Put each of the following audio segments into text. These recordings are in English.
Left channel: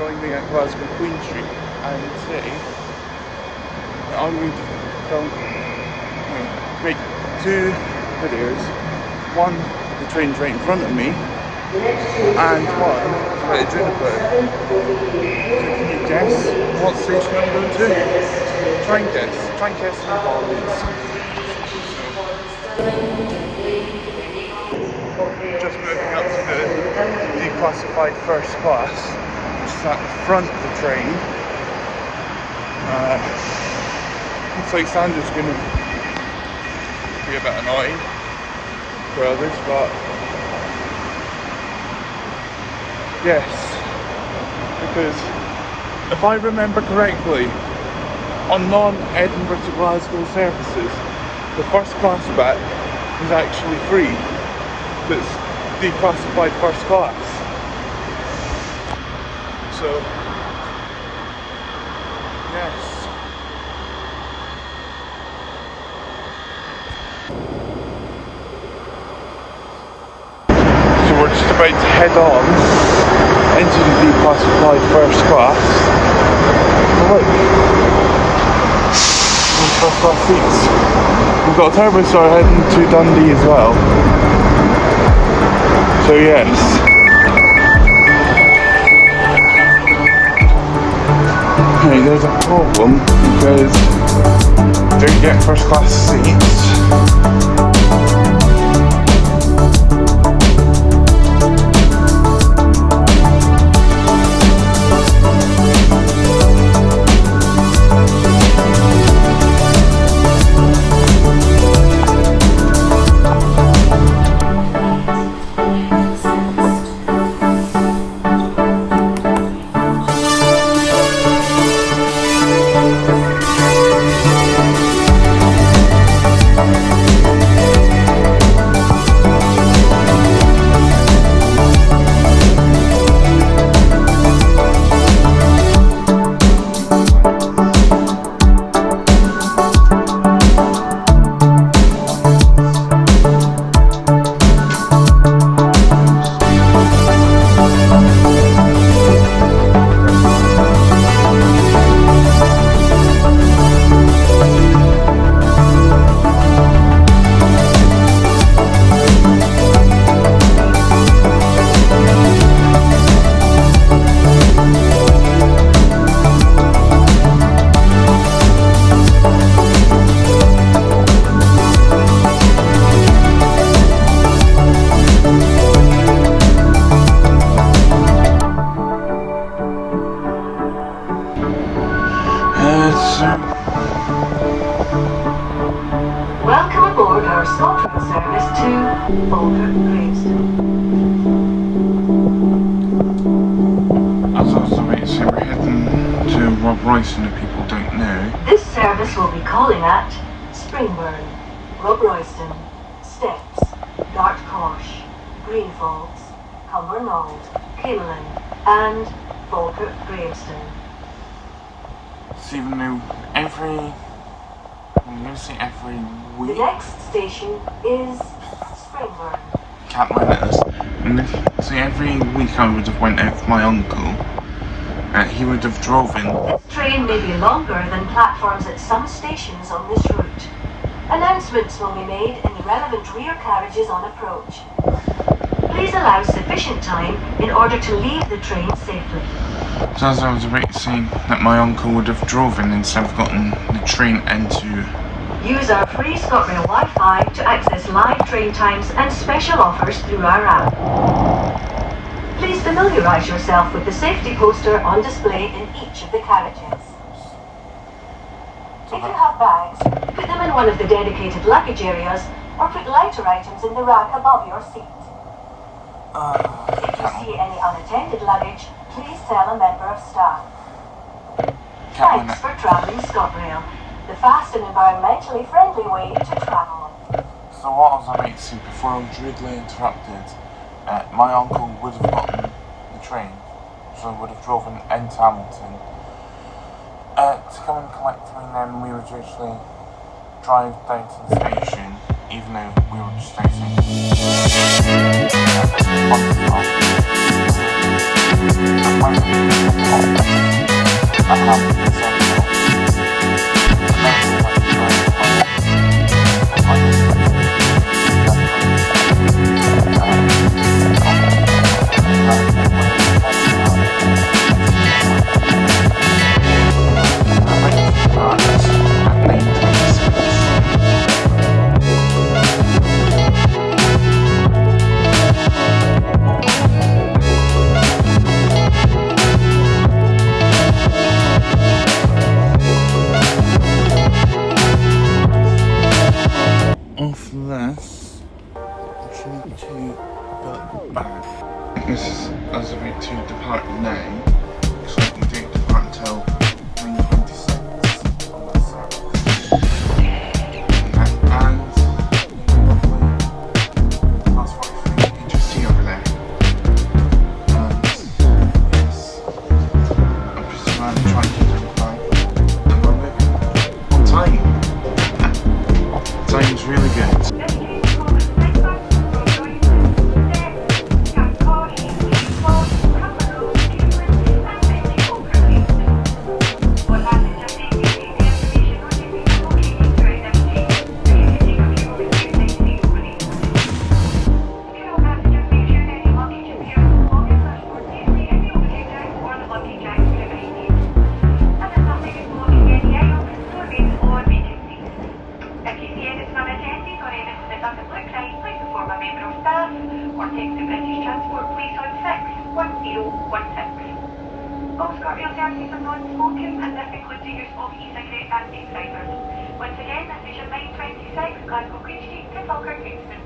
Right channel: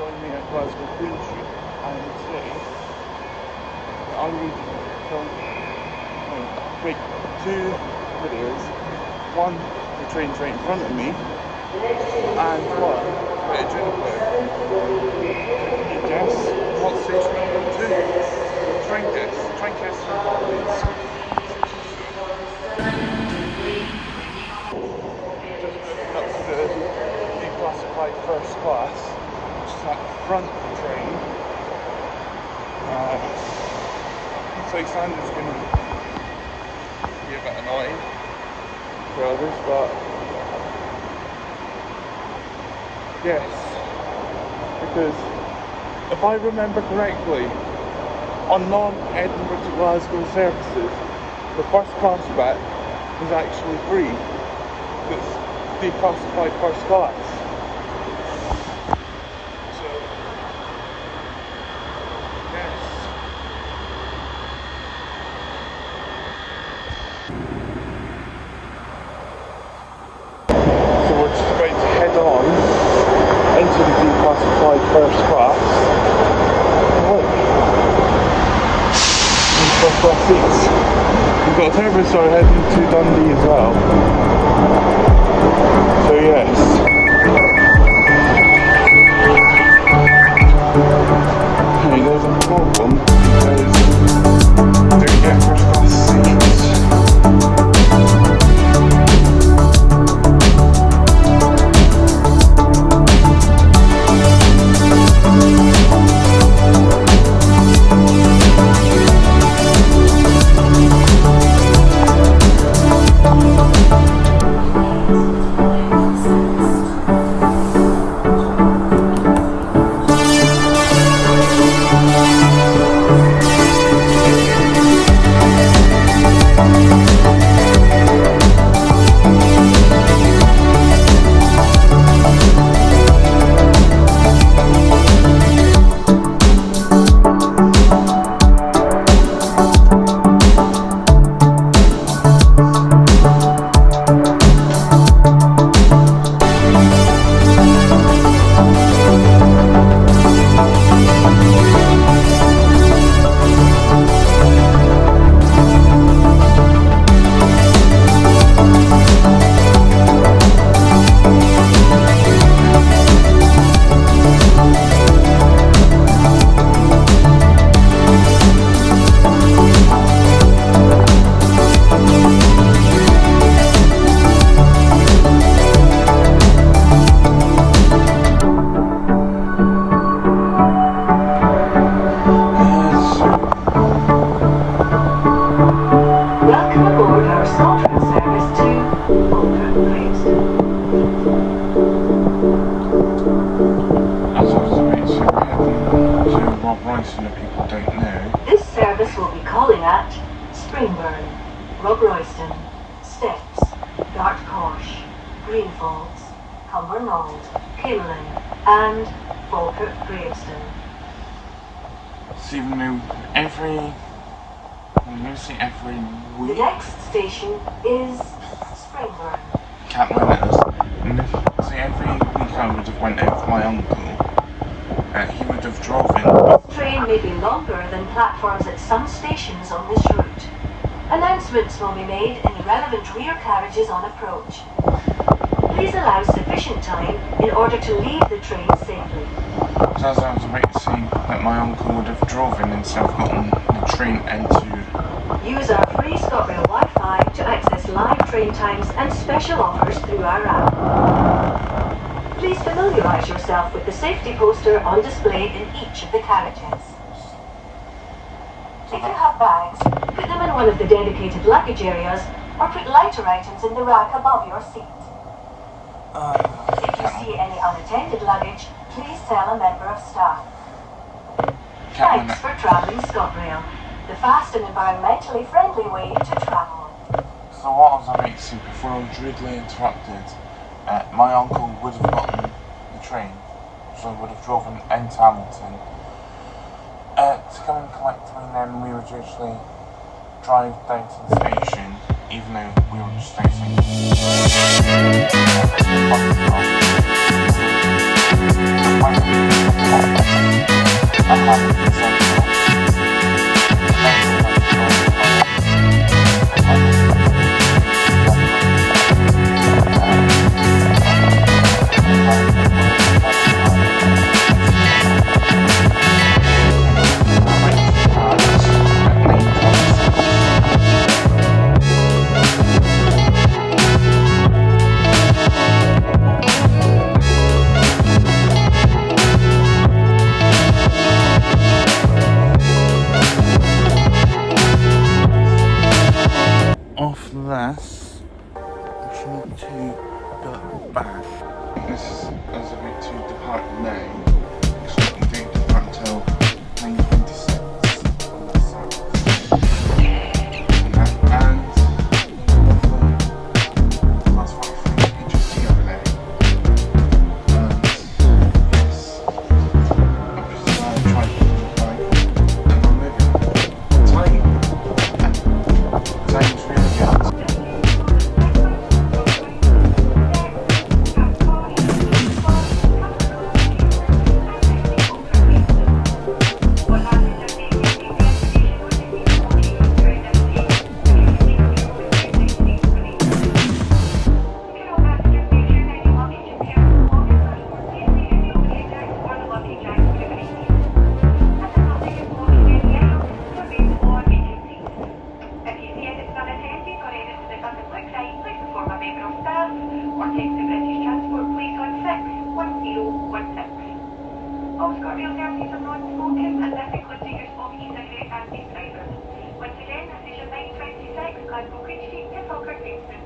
join me at Glasgow Queen Street, and today I'm going to film make two videos. One, the train's right in front of me, and one right at Juniper. So can you guess what station I'm going to? Try and guess the Harleys. Just moving up to the declassified first class, which is at the front of the train. Looks like Sandra's going to be a bit annoying for others, but yes, because if I remember correctly, on non-Edinburgh to Glasgow services, the first class bit is actually free. It's declassified first class. So, yes. So we're just about to head on into the declassified first class. Oh, look. First class seats. We've got a Turbostar heading to Dundee as well. So yes. Hey, there's a problem because you don't get first class seats. And if people don't know, this service will be calling at Springburn, Rob-Royston, Steps, Dartcosh, Greenfalls, Cumbernauld, Kinlan and Falkirk Graveston. So even though every week, the next station is Springburn. Can't win it. And if every week I would have went out with my uncle. He would have driven. This train may be longer than platforms at some stations on this route. Announcements will be made in the relevant rear carriages on approach. Please allow sufficient time in order to leave the train safely. So as I was about to say that my uncle would have driven instead of gotten the train into. Use our free ScotRail Wi-Fi to access live train times and special offers through our app. Please familiarise yourself with the safety poster on display in each of the carriages. If you have bags, put them in one of the dedicated luggage areas or put lighter items in the rack above your seat. If you see any unattended luggage, please tell a member of staff. Thanks for travelling ScotRail, the fast and environmentally friendly way to travel. So what I was about to say before I was rudely interrupted, my uncle would have gotten the train, so would have driven into Hamilton to come and collect me, and then we would usually drive down to the station, even though we were just outside. but bad. This is as a bit to depart now, so we don't depart until 9:26. And that's what I think you just see over there. And yes, I'm just trying to buy and we're moving on time. Time's really good. All ScotRail services are non-smoking and this includes the use of e-cigarette and vape-fibers. Once again, this is your 926 Glasgow Queen Street to Falkirk Kingston.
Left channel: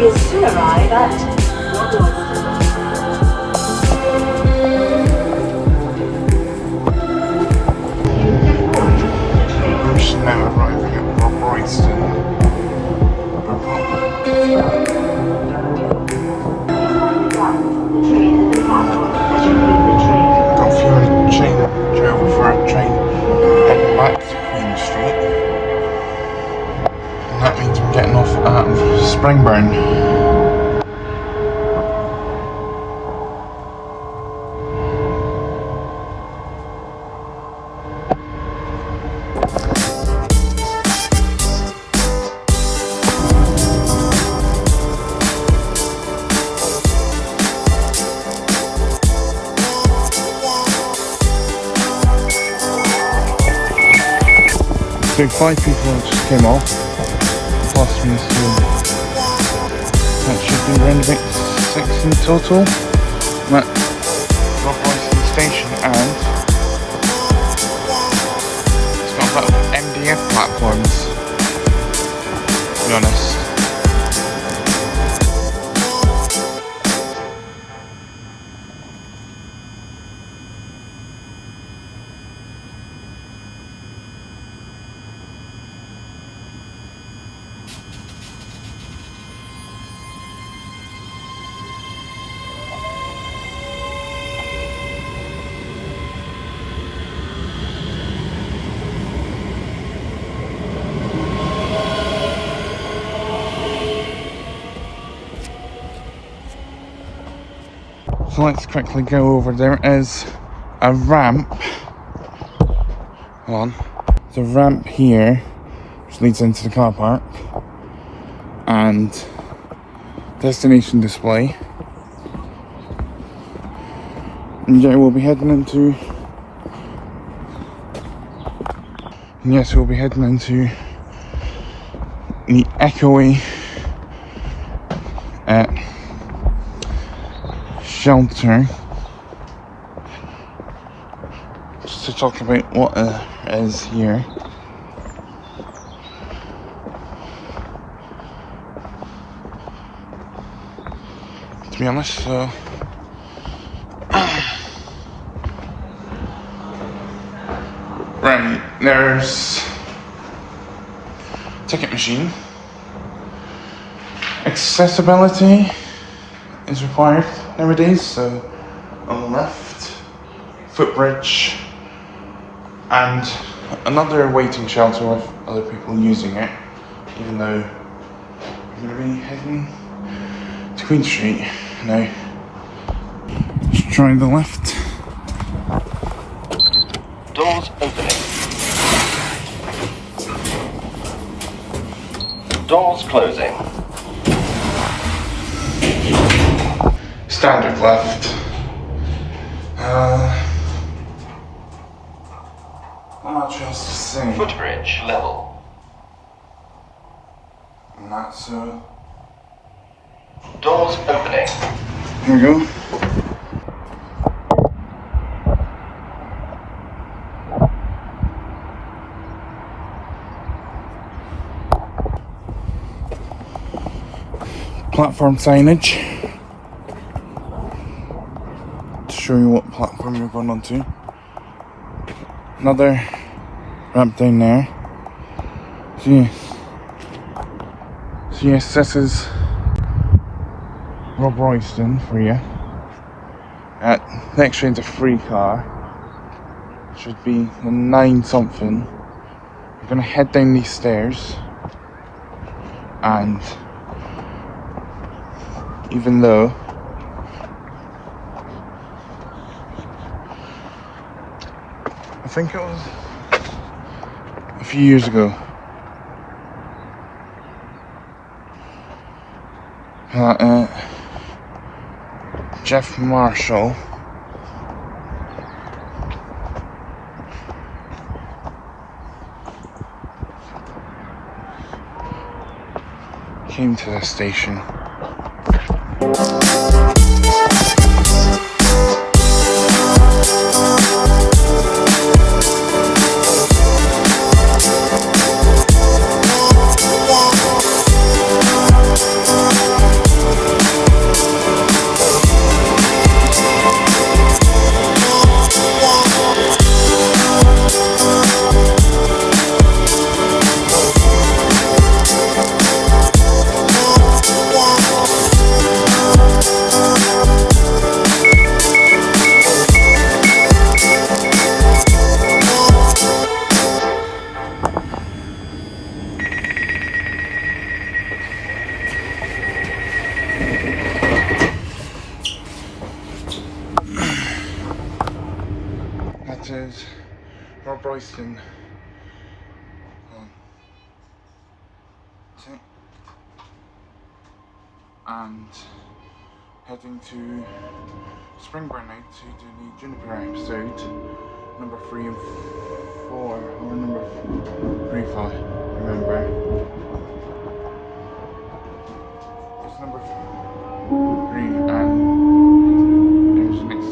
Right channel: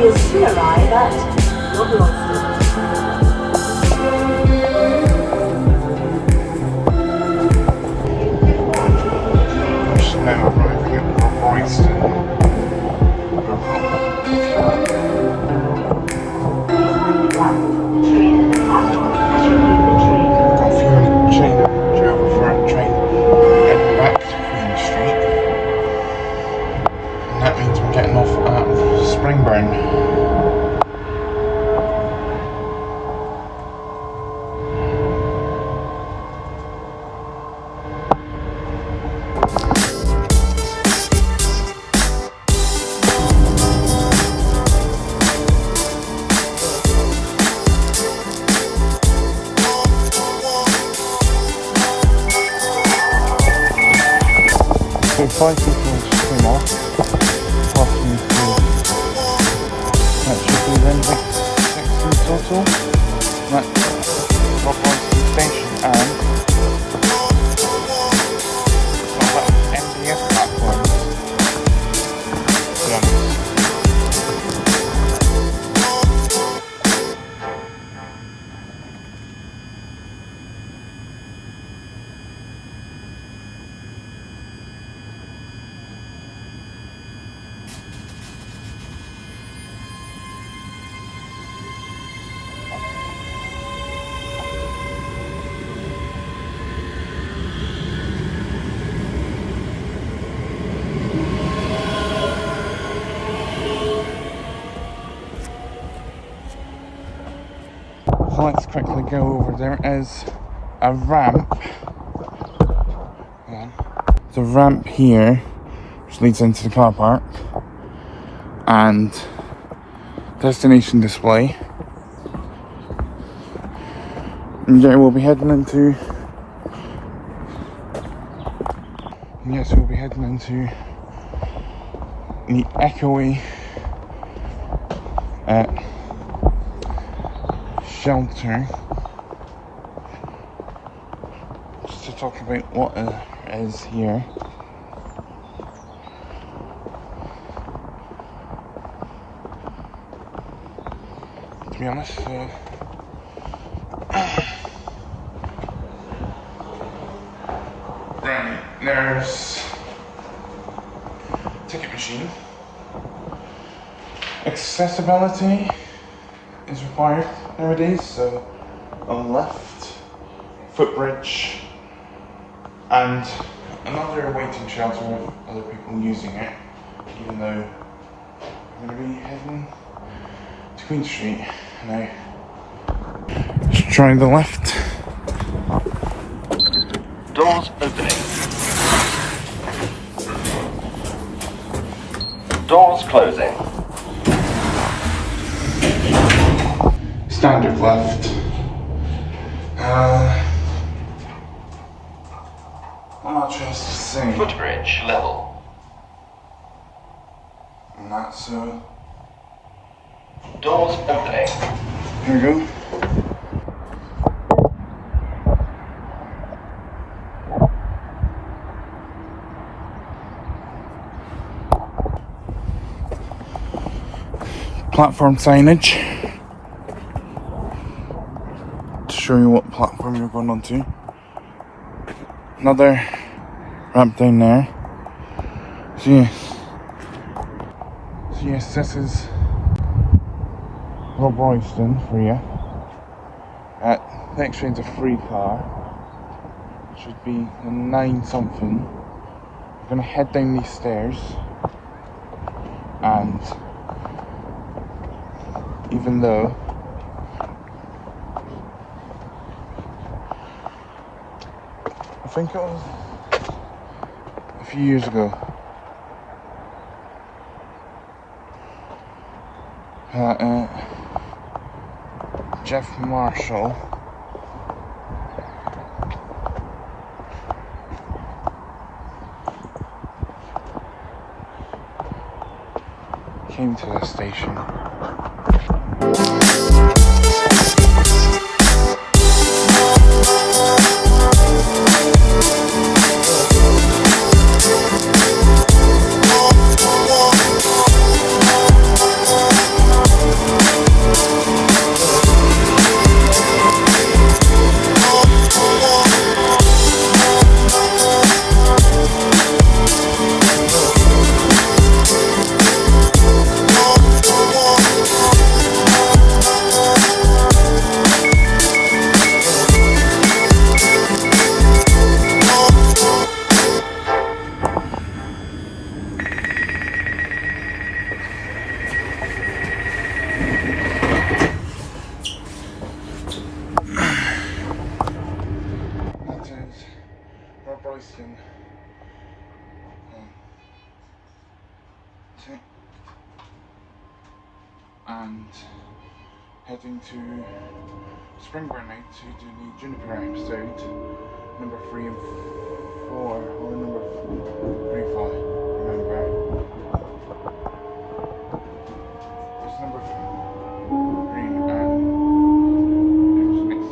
We'll soon arrive at Rob Royston. Now arriving at Rob Royston. Got a few minutes change over for a train heading back to Queen Street. And that means we're getting off at Springburn. So 5 people just came off, past me, so that should be around about 6 in total. I'm at Rob Royston station and it's got a lot of MDF platforms, to be honest. So let's quickly go over. There is a ramp. Hold on. There's a ramp here which leads into the car park and destination display. And yeah, we'll be heading into. And yes, we'll be heading into the Echoey shelter just to talk about what is here. To be honest, so right, there's ticket machine. Accessibility is required nowadays, so on the left, footbridge, and another waiting shelter with other people using it, even though we're going to be heading to Queen Street now. Let's try the left. Doors opening. Doors closing. Standard left. Not much else to say. Footbridge level. And that's Doors opening. here we go. Platform signage to show you what platform you're going onto. Another ramp down there. So yes, this is Rob Royston for you. Next train's a free car. Should be the 9 something. We're gonna head down these stairs, and even though I think it was a few years ago Jeff Marshall came to the station. Royston ticked, and heading to Springburn now to do the Juniper episode, number 3 and 4, or number 3 if I remember. It's number 3, and there's the next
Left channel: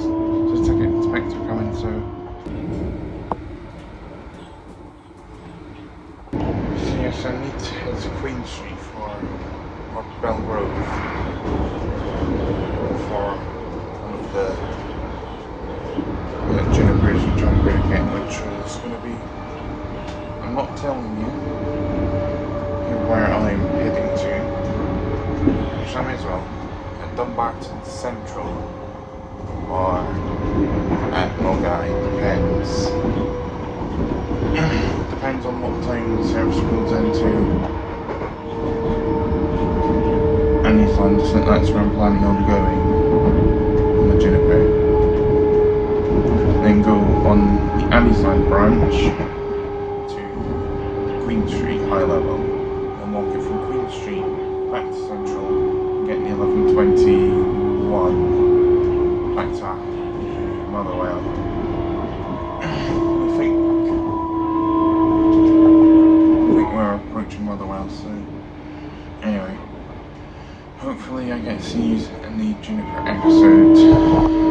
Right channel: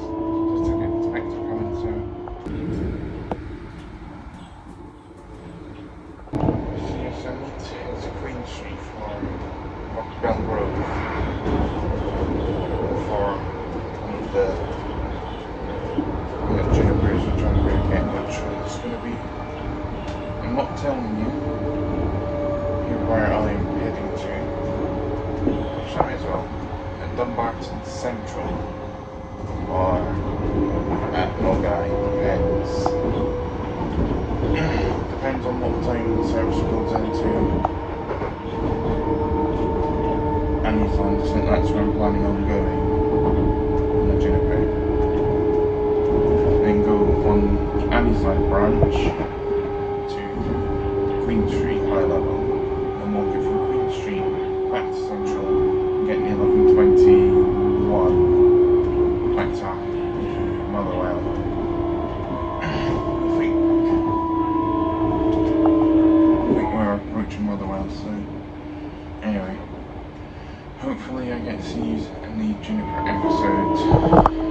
ticket inspector coming, so yes, I need to head to Queen Street for Bell Grove for one of the Junipers which I'm going to get, which is going to be, I'm not telling you here where I'm heading to, which I may as well, at Dumbarton Central or at Mulgai, depends. Depends on what time the service comes into Anniesland. I think that's where I'm planning on going on the Juniper. Then go on the Anniesland branch to Queen Street High Level, and walk it from Queen Street back to Central and get the 1121 back to Motherwell. We're approaching Motherwell, so anyway, hopefully I get to see you in the Juniper episode.